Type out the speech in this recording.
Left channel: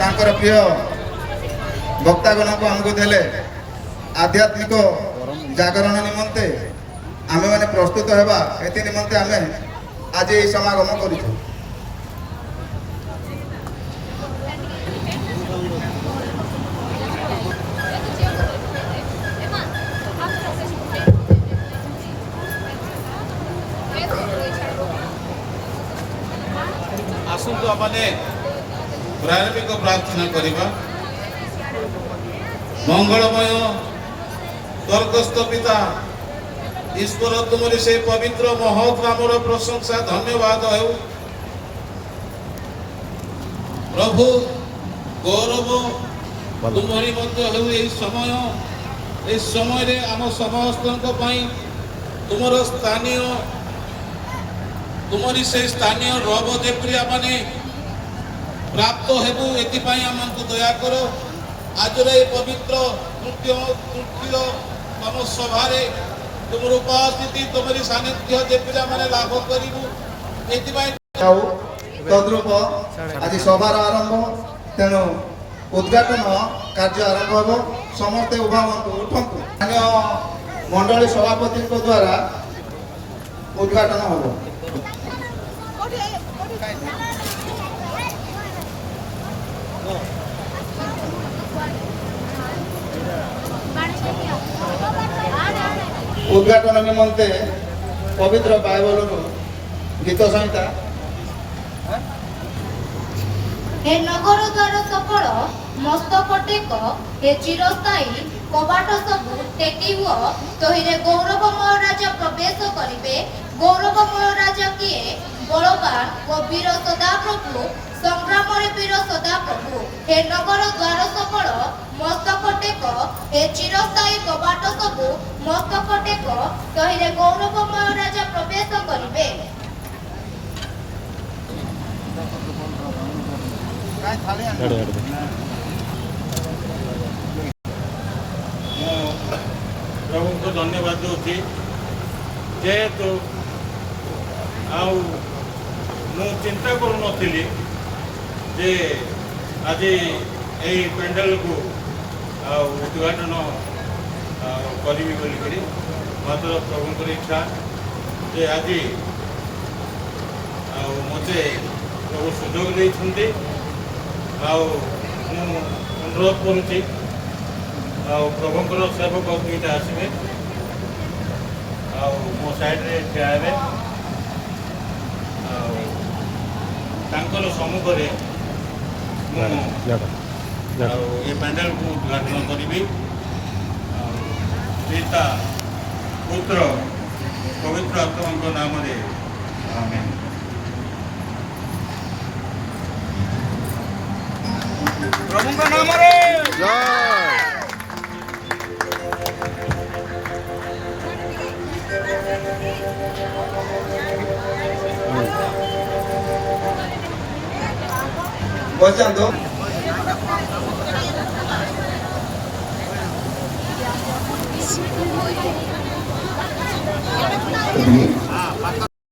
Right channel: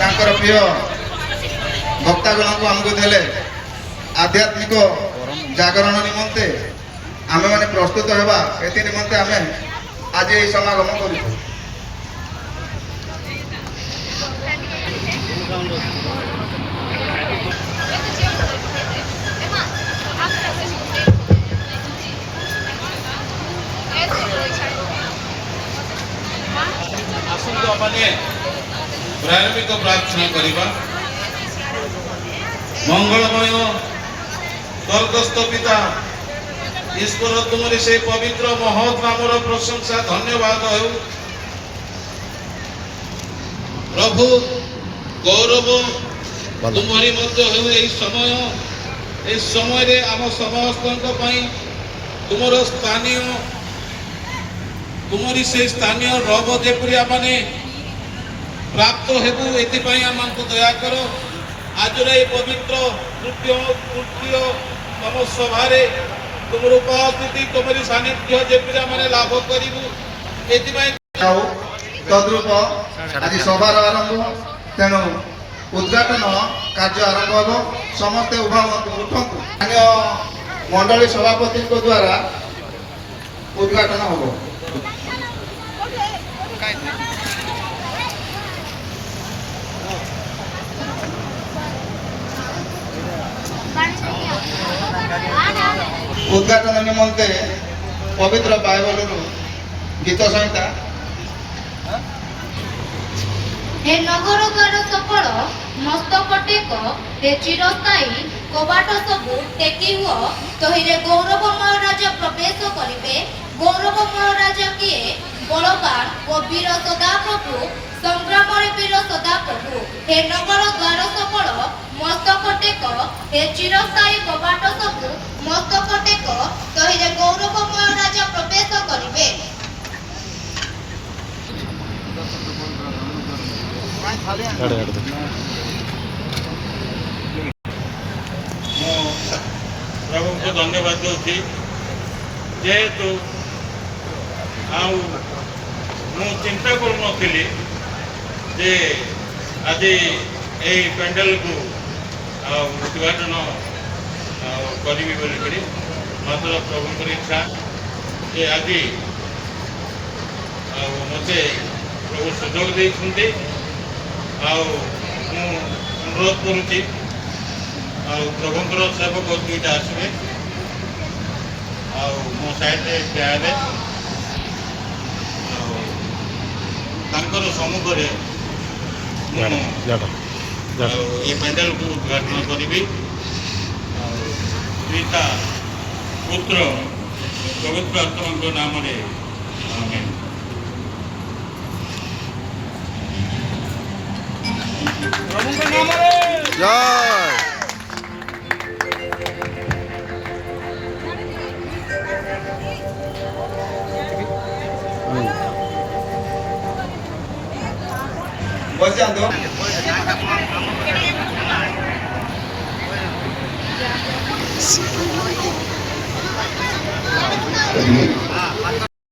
ତାଙ୍କର ପ୍ରିୟ ଭକ୍ତାଗଣଙ୍କୁ ଆମକୁ ଦେଲେ ଆଧ୍ୟାତ୍ମିକ ଜାଗରଣ ନିମନ୍ତେ ଆମେମାନେ ପ୍ରସ୍ତୁତ ହେବା ଏଥି ନିମନ୍ତେ ଆମେ ଆଜି ଏହି ସମାଗମ କରୁଛୁ। ଆସନ୍ତୁ ଆମେ ପ୍ରାରମ୍ଭିକ ପ୍ରାର୍ଥନା କରିବା। ମଙ୍ଗଳମୟ ସ୍ୱର୍ଗସ୍ଥ ପିତା ଈଶ୍ୱର, ତୁମରି ସେ ପବିତ୍ର ମହତ୍ ନାମର ପ୍ରଶଂସା ଧନ୍ୟବାଦ ହେଉ। ପ୍ରଭୁ, ଗୌରବ ତୁମରି ମଧ୍ୟ ହେଉ। ଏହି ସମୟରେ ଆମ ସମସ୍ତଙ୍କ ପାଇଁ ତୁମରି ସେ ସ୍ଥାନୀୟ ରବ ଯେପରି ଆମେ ପ୍ରାପ୍ତ ହେବୁ, ଏଥିପାଇଁ ଆମକୁ ଦୟା କର। ଆଜିର ଏହି ପବିତ୍ର ତୃତୀୟ ଆମ ସଭାରେ ତୁମର ଉପସ୍ଥିତି, ତୁମରି ସାନ୍ନିଧ୍ୟ ଯେପରି ଆମେ ଲାଭ କରିବୁ, ଏଥିପାଇଁ ତଦ୍ରୂପ ଆଜି ସଭାର ଆରମ୍ଭ, ତେଣୁ ଉଦ୍ଘାଟନ କାର୍ଯ୍ୟ ଆରମ୍ଭ ହେବ। ସମସ୍ତେ ଉଭା ହୁଅନ୍ତୁ, ଉଠନ୍ତୁ। ସ୍ଥାନୀୟ ମଣ୍ଡଳୀ ସଭାପତିଙ୍କ ଦ୍ୱାରା ଉଦ୍ଘାଟନ ହେବ। उद्घाटन निमंते पवित्र बाइबल गीत संहिता हे नगर द्वार सफल मस्तक टेक हे चिरस्थायी कबाट सबु टेकी हुआ तहिरे गौरवमय राजा प्रवेश करिवे। गौरवमय राजा किए? बलवान व वीर सदाप्रभु, संग्राम वीर सदाप्रभु। हे नगर द्वार सफल मस्तक टेक हे चिरस्थायी कबाट सबु मस्तक टेक तहिरे गौरवमय राजा प्रवेश करिवे। प्रभु को धन्यवाद दूसरी जेहेतु चिंता करूनी जे आज यही पेंडल को उद्घाटन करी बोलिकी, मात्र प्रभु इच्छा जे आज मत प्रभु सुजोग देते अनुरोध करुच्ची प्रभुंर सेवक दुईटा आसवे मो साइड्रे ठिया सम्मुख ये पेंडल को उद्घाटन करी। पिता पुत्र पवित्र आत्मा नाम आमीन। प्रभु नाम जय। बस